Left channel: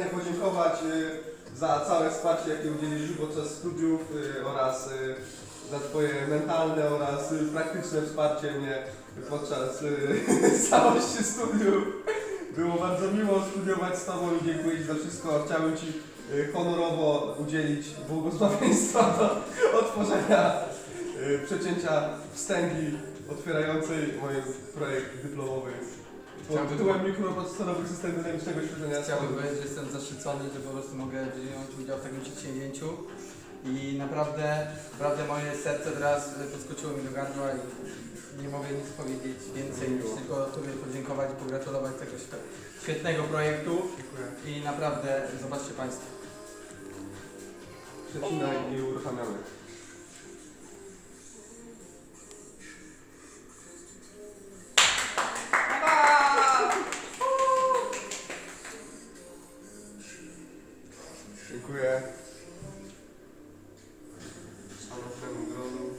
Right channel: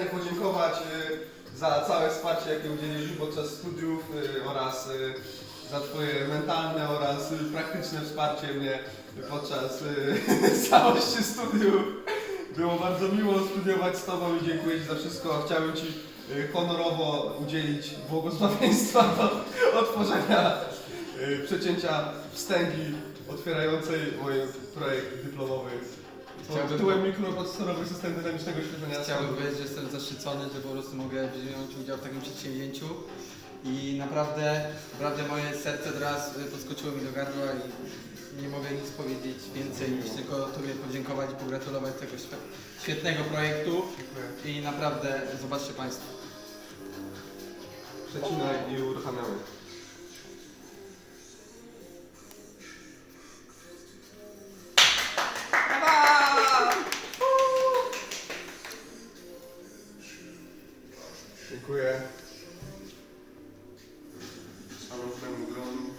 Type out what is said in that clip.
specjalnie podziękować y, za całe wsparcie, jakie udzieliliśmy podczas studiów y, oraz y, za Twoje mentalne oraz praktyczne wsparcie mnie podczas całości studiów. Było bardzo miło studiować z Tobą i dziękuję Ci za wszystko. Chciałem Ci honorowo udzielić błogosławieństwa do otworzenia przecięcia wstęgi otwierającej mój projekt dyplomowy pod Chciałbym- tytułem mikroprocesorowy system dynamicznego świetlenia. Chciałbym powiedzieć, że jestem zaszczycony, że po prostu mogę wziąć udział w takim przedsięwzięciu i naprawdę, naprawdę moje serce teraz y, podskoczyło mi do gardła i nie mogę nic powiedzieć więcej niż tylko Tobie podziękować i pogratulować tego świe- świetnego projektu Dziękuję. i naprawdę zobaczcie Państwo. Przecinaj i uruchamiamy. Dziękuję. Szanownemu gronu.